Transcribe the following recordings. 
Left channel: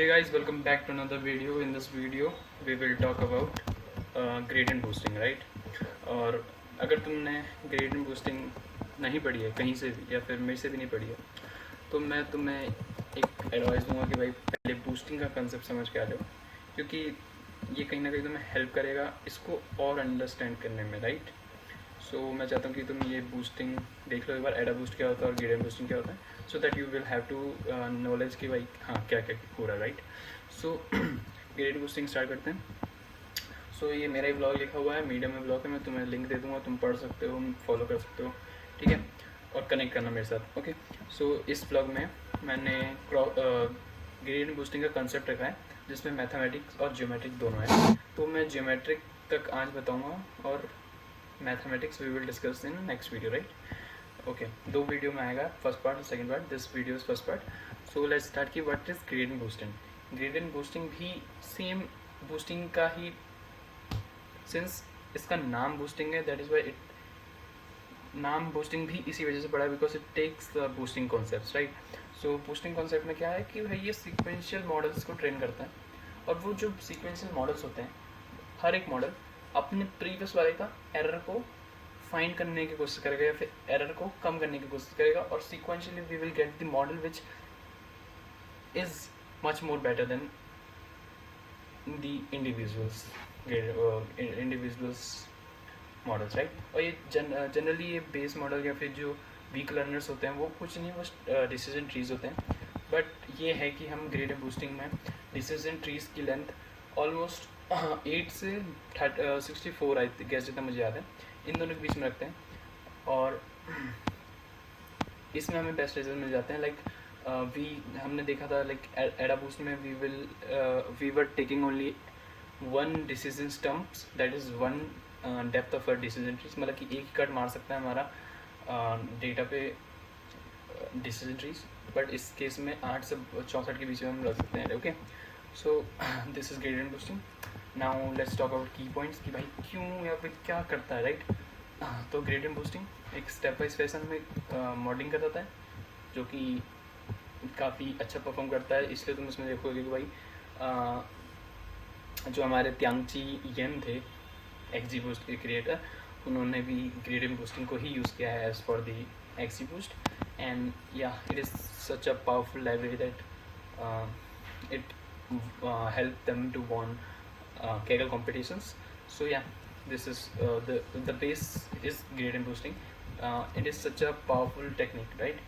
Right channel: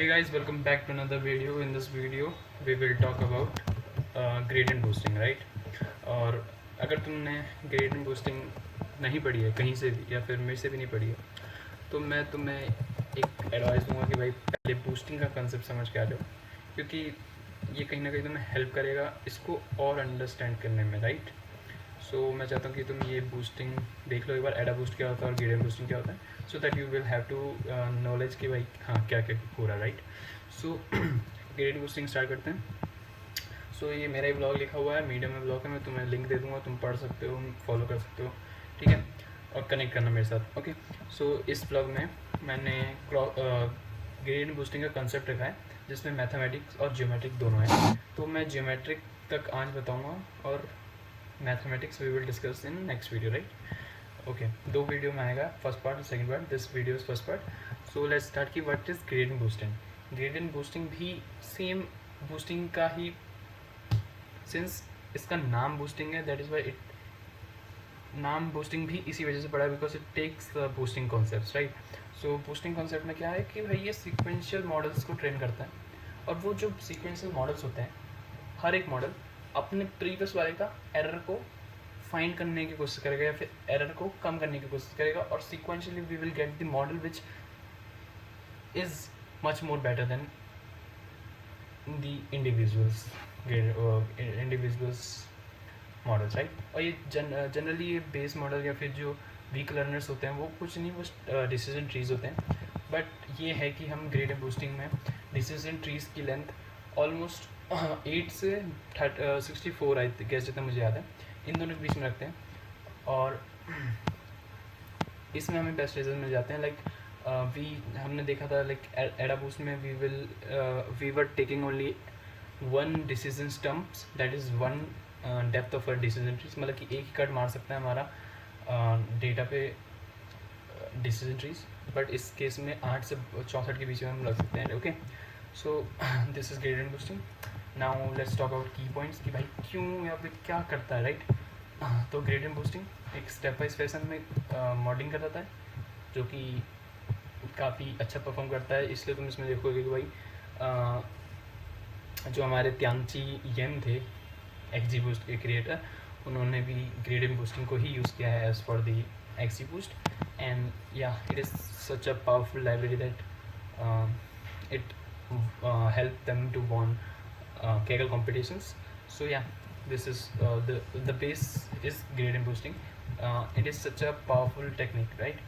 Hey guys, welcome back to another video. In this video we will talk about gradient boosting, right? और अगर तुमने gradient boosting नहीं पढ़ी है कहीं से भी या फिर मेरे से भी नहीं पढ़ी है तो मैं तुम्हें एक एडवाइस दूंगा कि भाई पहले बूस्टिंग का कंसेप्ट समझ के आ जाओ, क्योंकि ये कहीं ना कहीं तुम्हें हेल्प करेगा इसको और अंडरस्टैंड करने में, राइट? सो मैं चाहता हूँ कि तुम ये बूस्टिंग देख लो एक बार, एडा बूस्ट क्या होता है और ग्रेडियंट बूस्टिंग क्या होता है, so that you will have to knowledge कि भाई हाँ क्या क्या हो रहा है, right? So gradient boosting start करते हैं. सो ये मेरा ही ब्लॉग लिखा हुआ है, मीडियम में ब्लॉग है, मैं तुम्हें लिंक दे दूँगा, तुम पढ़ सकते हो, फॉलो कर सकते हो, ठीक है? और कनेक्ट करना मेरे साथ, ओके? सो इस ब्लॉग में मैंने ग्रेडियंट बूस्टिंग का कंसेप्ट रखा है जिसमें मैथमेटिक्स और ज्योमेट्रिक दोनों है. तो मैं ज्योमेट्रिक तक आज बताऊँगा और mathematics we will discuss in next video, right? Okay, दो वीडियो में आएगा, फर्स्ट पार्ट और second part. This video is first part. So let's start की what is gradient boosting. Gradient boosting भी सेम बूस्टिंग का ही, सिंस इसका नाम बूस्टिंग है दैट इज वाई इट नाम बूस्टिंग भी इसी वजह से पड़ा है, because it takes boosting concept, right? So boosting concept में क्या है कि भाई ये सीक्वेंशियल मॉडल्स को ट्रेन करता है, और वो जो सीक्वेंशियल मॉडल्स होते हैं हर एक मॉडल अपने प्रीवियस वाले का एरर को फाइंड करने की कोशिश करेगा या फिर एरर को कम करने की कोशिश करेगा, और sequentially we will get the model which is much more better than the individuals models, right? और ये जनरली ये बेस मॉडल या फिर जो वीक लर्नर्स होते हैं वो कुछ नहीं, वो डिसीजन ट्रीज होते हैं. बट ये है कि हम ग्रेडियंट बूस्टिंग में डिसीजन ट्रीज की लेंथ ऑलमोस्ट 8 से 64 आई गेस, जितना मुझे याद है, इन दोनों के बीच में रखते हैं. और इसमें हमें बेस्ट रिजल्ट मिल जाते हैं. लाइक हमने देखा था लाइक एडा बूस्ट में we were taking only one decision stumps, that is one depth of a decision trees, मतलब कि एक ही कट मार सकता है हमारा डेटा पे डिसीजन ट्रीज. बट इस केस में 8 से 64 के बीच में हम रख सकते हैं, okay? So this is gradient boosting. Now let's talk about की पॉइंट्स कि भाई क्यों या फिर क्या करता है, राइट? तो ग्रेडियंट बूस्टिंग एक स्टेप बाई फैशन में मॉडलिंग करता है जो कि काफ़ी अच्छा परफॉर्म करता है. इसलिए तुम इसमें देखोगे कि भाई जो हमारे त्यांची येन थे एक्जी बूस्ट के क्रिएटर, उन्होंने भी ग्रेडियंट बूस्टिंग को ही यूज़ किया है as for the XG boost. And या it is such a powerful library that it help them to won Kaggle competitions. So yeah, this is the base is gradient boosting. It is such a powerful technique, right?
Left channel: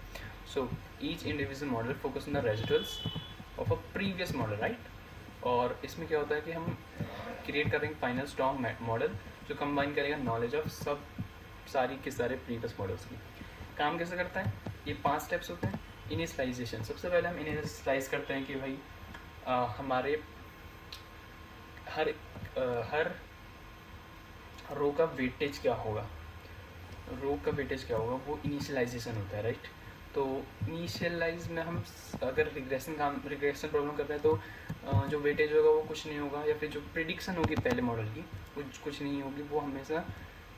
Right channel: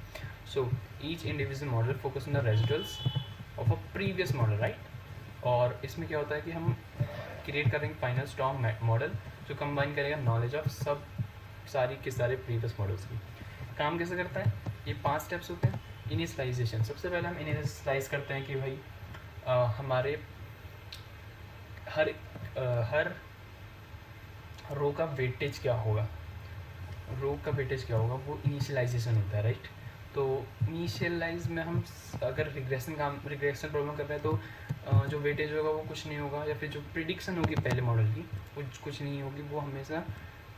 So each individual model focus on the residuals of a previous model, right? और इसमें क्या होता है कि हम create कर रहे हैं फाइनल स्ट्रॉन्ग मॉडल जो कंबाइन करेगा नॉलेज ऑफ सब सारी के सारे प्रीवियस मॉडल्स की. काम कैसे करता है? ये 5 स्टेप्स होते हैं. इनिशियलाइजेशन, सबसे पहले हम इनिशियलाइज करते हैं कि भाई हमारे हर रो का वेटेज क्या होगा, वो इनिशियलाइजेशन होता है, राइट? तो इनिशियलाइज में हम अगर रिग्रेशन प्रॉब्लम कर रहे हैं तो जो वेटेज होगा वो कुछ नहीं होगा, या फिर जो प्रिडिक्शन होगी पहले मॉडल की वो कुछ नहीं होगी, वो हमेशा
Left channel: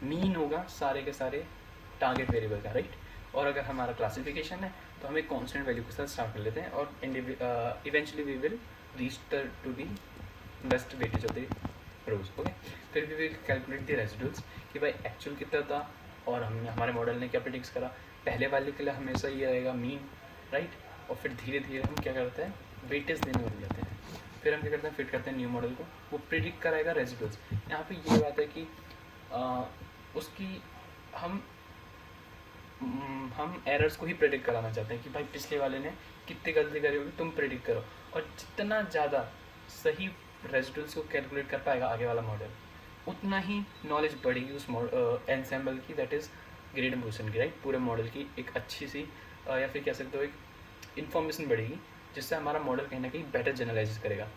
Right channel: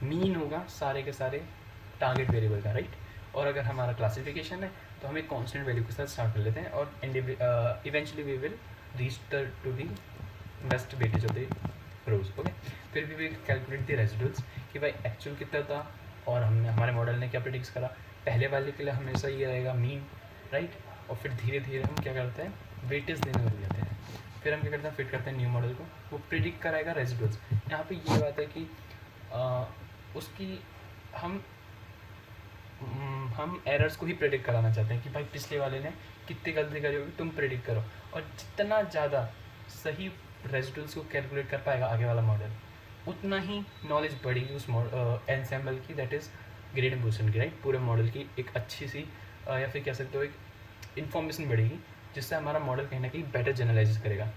मीन होगा सारे के सारे टारगेट वेरिएबल का, राइट? और अगर हमारा क्लासिफिकेशन है तो हम एक कांस्टेंट वैल्यू के साथ स्टार्ट कर लेते हैं, और eventually we will reach to the best weightage of the rows, okay? फिर we will calculate the residuals कि भाई एक्चुअल कितना था और हमने हमारे मॉडल ने क्या प्रेडिक्ट करा. पहले वाले के लिए हमेशा ये रहेगा मीन, राइट? और फिर धीरे धीरे हम क्या करते हैं, वेटेज देने लग जाते हैं. फिर हम क्या करते हैं, फिट करते हैं न्यू मॉडल को, वो प्रिडिक्ट कराएगा रेजिडुअल्स. यहाँ पे ये बात है कि उसकी हम एरर्स को ही प्रेडिक्ट कराना चाहते हैं कि भाई पिछले वाले ने कितनी गलती करी होगी, तुम प्रेडिक्ट करो. और जितना ज़्यादा सही रेजिडुअल्स को कैलकुलेट कर पाएगा आगे वाला मॉडल, उतना ही नॉलेज बढ़ेगी उस एनसेम्बल की, दैट इज़ ग्रेडियंट बूस्टिंग की, राइट? पूरे मॉडल की एक अच्छी सी या फिर कह सकते हो एक इन्फॉर्मेशन बढ़ेगी, जिससे हमारा मॉडल कहीं ना कहीं बेटर जनरलाइज करेगा.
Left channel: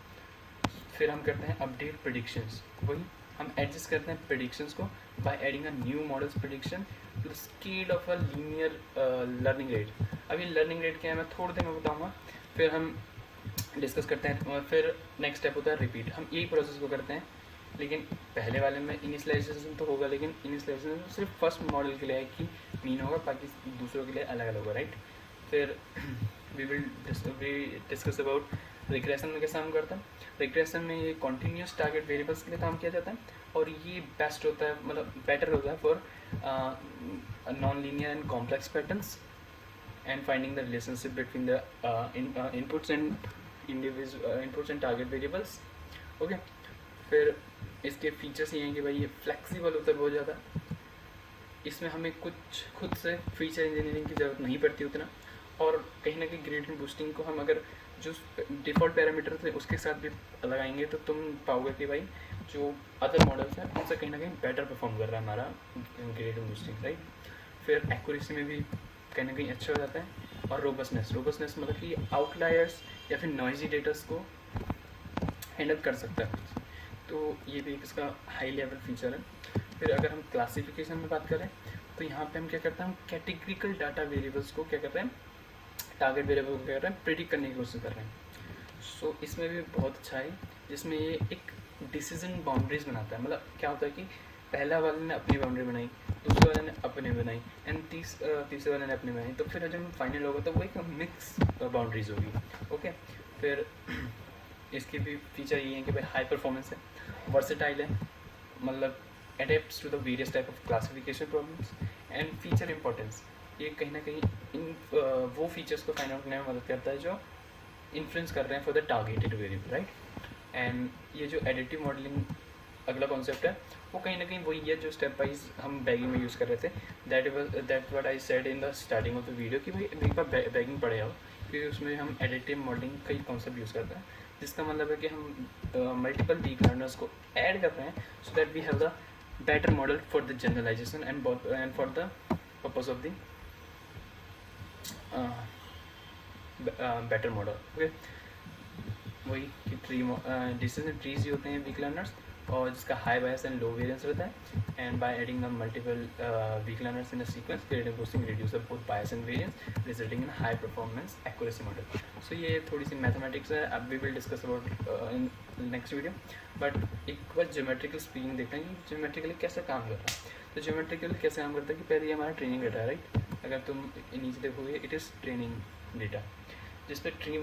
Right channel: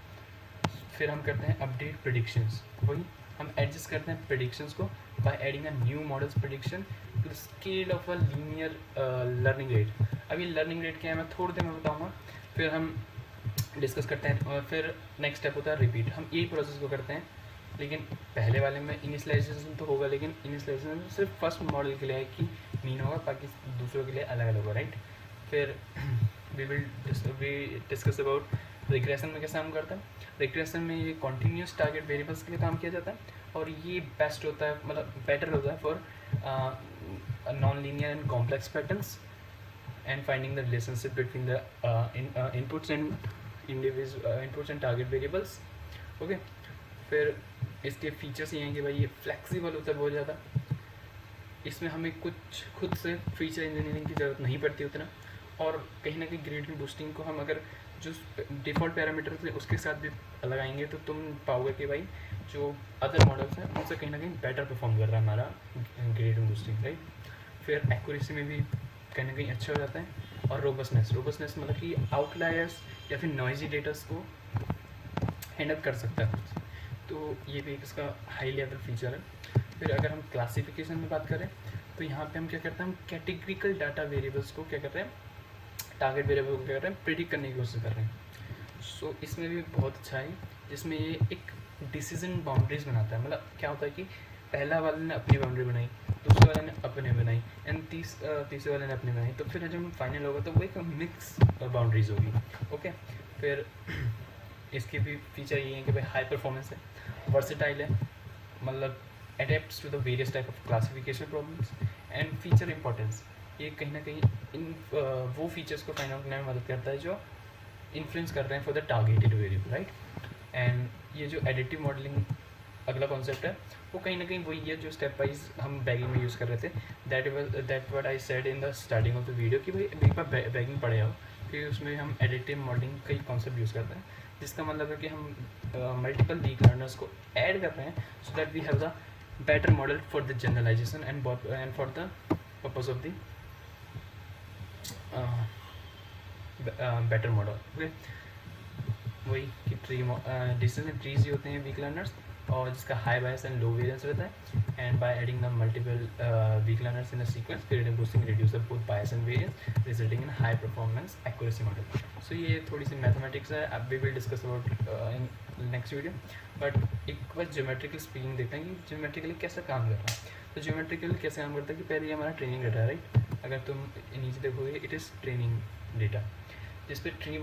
फिर हम करते हैं अपडेट प्रेडिक्शंस. वही हम एडजस्ट करते हैं प्रेडिक्शंस को by adding a new models prediction to scale of a linear learning rate. अभी लर्निंग रेट क्या है मैं थोड़ी देर में बताऊंगा, फिर हम डिस्कस करते हैं. और फिर नेक्स्ट स्टेप होता है रिपीट. हम यही प्रोसेस को करते हैं, लेकिन पहले वाले में इनिशियलाइजेशन तो होगा, लेकिन इनिशियलाइजेशन सिर्फ फर्स्ट मॉडल के लिए है कि मीन होगा, बाकी दूसरों के लिए अलग अलग होगा, राइट? फिर वी डिस्कस अबाउट रिग्रेशन में कैसे काम करता है। रिग्रेशन में ये कॉन्टीन्यूस टारगेट वेरिएबल्स के लिए काम किया जाता है, और ये बेस्ट होता है, मतलब बेटर होता है for non linear and complex patterns and finding the relationship between the inputs and target variables. Okay, फिर इसके फीचर्स ये हैं कि भाई ये फ्लेक्सिबल होता है बहुत ज़्यादा, इसमें हमें कुछ खुद से फीचर इंजीनियरिंग की ज़रूरत नहीं पड़ती उतना, और कहीं ना कहीं ग्रेडियंट बूस्टिंग को हम अगर जो डिफ़ॉल्ट पैरामीटर थे उसके साथ भी लगाएंगे तो तुम पाओगे कि भाई जो अदर मॉडल्स हैं उनसे कहीं ना कहीं बेटर परफॉर्म कर रहा है हमारा ग्रेडियंट बूस्टिंग, राइट। फिर एक्यूरेसी में भी कहीं ना कहीं अच्छा हो जाता है, और रोबस्टनेस मतलब कि आउटलायर्स या फिर नॉइजी डेटास को हैंडल कर सकता है, तो ये भी इसका हाई लेवल फीचर है। फिर अगर हम क्लासिफिकेशन में बात करें तो यहाँ पे हम क्या करते हैं, हम कैटेगरिकल डाटा वेरिएबल्स को क्या कर रहे हैं, टारगेट वेरिएबल को क्या कर रहे हैं, प्रेडिक्ट करने की कोशिश कर रहे हैं। सो इसमें भी बहुत अच्छा है, जिसमें ये एक डिसीजन बाउंड्रीज बनाता है। मतलब क्या होता है कि पहला वाले ने अपनी बाउंड्री बनाई, दूसरे वाले ने अपने बनाई, एंड तीसरे वाले ने अपनी बनाई, तो फिर जब फाइनल होगा तो वो एक मिक्स बाउंड्रीज होगी। ओके, फिर इसके भी फीचर ये है कि भाई हाई परफॉर्मेंस है, वर्सेटाइल है, मतलब adepts to the various type of classification problems, and feature importance, ये कहीं ना कहीं इन वो फीचर्स को फाइंड आउट करने में मदद करता है जो इन्फ्लुएंस कर रहे हैं for the targeted variable, right. And ये जो एडिटिव मॉडलिंग अगला कॉन्सेप्ट है वो कहीं ना कहीं वही है जो स्टेप वाइज हम बैगिंग में यूज़ कर रहे थे। That what I said in the starting of the video कि भाई एक बार बैगिंग पढ़े आओ, फिर उसमें हम एडिटिव मॉडलिंग कई कॉन्सेप्ट यूज़ करते हैं, जिसका मतलब है कि हम मल्टीपल वीक लर्नर्स को ऐड कर रहे हैं so that we have the better model for the generalisation and for the purpose of the better model. Okay, वही कि डिसीजन ट्रीज ही होते हैं वीक लर्नर्स, और जिसका high bias and low variance रहता है, and by adding the multiple weak learners in a sequence gradient boosting reduce the both bias and variance resulting in high performance accuracy model. So ये थोड़ी सी mathematics है, अब we will discuss about in next video, but एक बार geometrical speaking देखते हैं कि ज्योमेट्रिकली कैसे काम करता है। तो ज्योमेट्रिकल कैसे काम करता है कि पहले ये हमारा ट्रेनिंग डेटा है, राइट। अगर तुम नीचे देखोगे इट इज़ ट्रेनिंग डेटा, जिसपे ट्री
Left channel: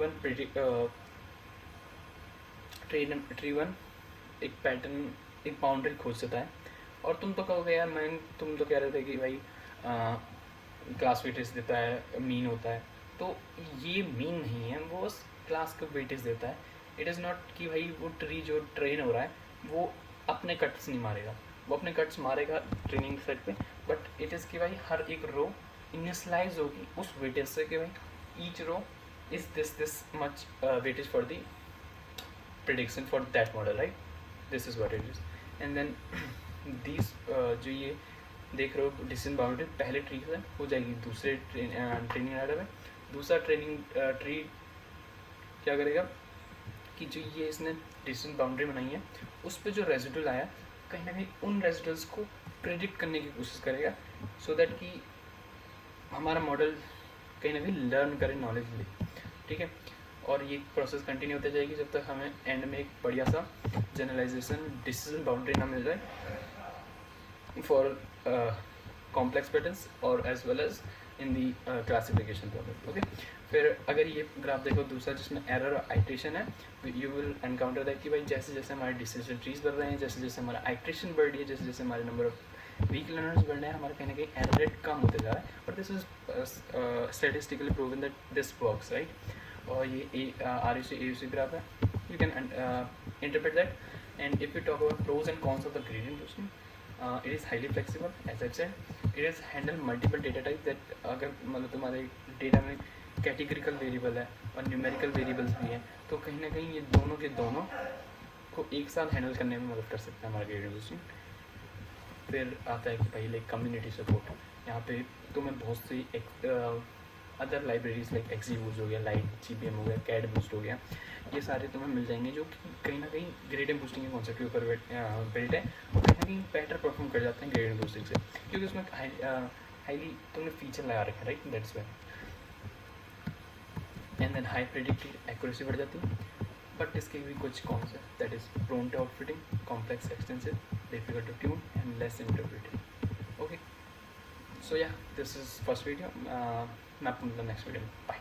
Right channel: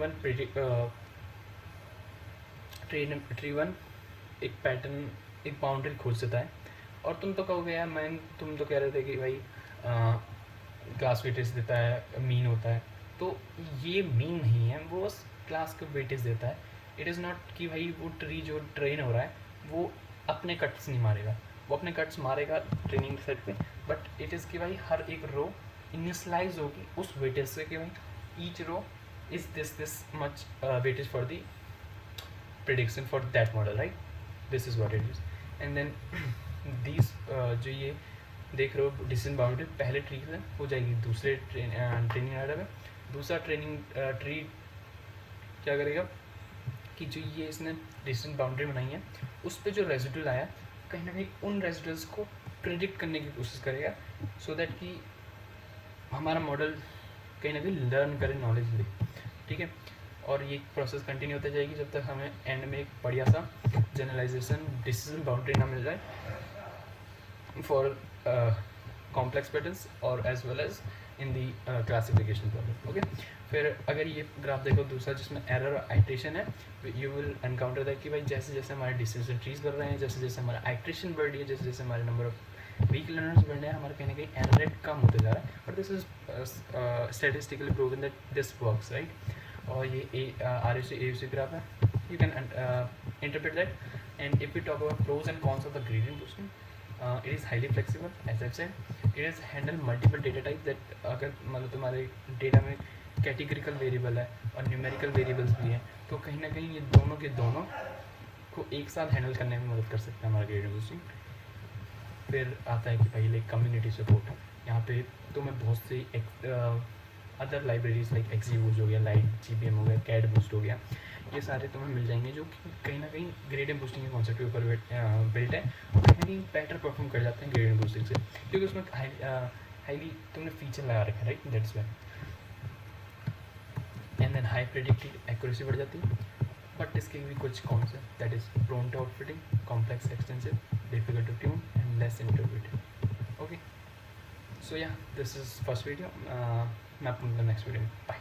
वन एक पैटर्न एक बाउंड्री खोज देता है, और तुम तो कहोगे यार तुम तो कह रहे थे कि भाई क्लास वेटेज देता है, मीन होता है, तो ये मीन नहीं है, वो बस क्लास का वेटेज देता है। इट इज़ नॉट कि भाई वो ट्री जो ट्रेन हो रहा है वो अपने कट्स नहीं मारेगा, वो अपने कट्स मारेगा ट्रेनिंग सेट पे, बट इट इज़ कि भाई हर एक रो इनिशियलाइज होगी उस वेटेज से कि भाई each row is this much weightage for the prediction for that model, right? This is what it is. And then these जो ये देख रहे हो डिसीजन बाउंड्री पहले ट्री से हो जाएगी दूसरे ट्रेनिंग डाटा में, दूसरा ट्रेनिंग ट्री क्या करेगा कि जो ये इसने डिसीजन बाउंड्री बनाई है उस पर जो रेजिडुअल आया कहीं ना कहीं उन रेजिडुअल्स को प्रेडिक्ट करने की कोशिश करेगा, सो दैट कि हमारा मॉडल कहीं ना कहीं लर्न करे, नॉलेज ले, ठीक है। और ये प्रोसेस कंटिन्यू होती जाएगी जब तक हमें एंड में एक बढ़िया सा जनरलाइजेशन डिसीजन बाउंड्री ना मिल जाए फॉर कॉम्प्लेक्स पैटर्न्स और as well as in the classification problem. Okay, फिर अगर ये ग्राफ देखो दूसरा जिसमें एरर आइट्रेशन है, यू विल एनकाउंटर दैट कि भाई जैसे जैसे हमारे डिसीजन ट्रीज बढ़ रहे हैं, जैसे जैसे हमारा आइट्रेशन बढ़ रही है, जैसे जैसे हमारे नंबर ऑफ वीक लर्नर्स बढ़ रहे हैं, हमारे कहीं ना कहीं एरर रेट कम होते जा रहा है, और this is statistically proven that this works, right. और ये RUC AUC ग्राफ है, you can interpret that. And if you talk about pros and cons of the gradient boosting, it is highly flexible as I said, it is handle multiple data type that अगर मतलब तुम्हारे data में categorical variable है और numerical variables भी हैं, तो कहीं ना कहीं ये दोनों के दोनों को एक साथ हैंडल करने में मदद कर सकता है हमारा ग्रेडियंट बूस्टिंग। फिर आता है कि पहले कम्युनिटी सपोर्ट, यहाँ पे तुम्हें बहुत सी अदर लाइब्रेरीज लाइक XGBoost हो गया, लाइट GBM हो गया, कैड बूस्ट हो गया, ये सारे तुम्हें मिल जाएंगे जो कि कहीं ना कहीं ग्रेडियंट बूस्टिंग के कॉन्सेप्ट के ऊपर बिल्ट है, और कहीं ना कहीं बेटर परफॉर्म कर जाते हैं ग्रेडियंट बूस्टिंग से, क्योंकि उसमें हाईली तुमने फीचर लगा रखा है, right, that's why. And then high predictive accuracy बढ़ जाती है, बट इसके भी कुछ कॉन्स है, that is prone to outfitting, complex extensive, difficult to tune and less interpreted. Okay, so yeah this is first video, मैं आपको नेक्स्ट वीडियो में बाय।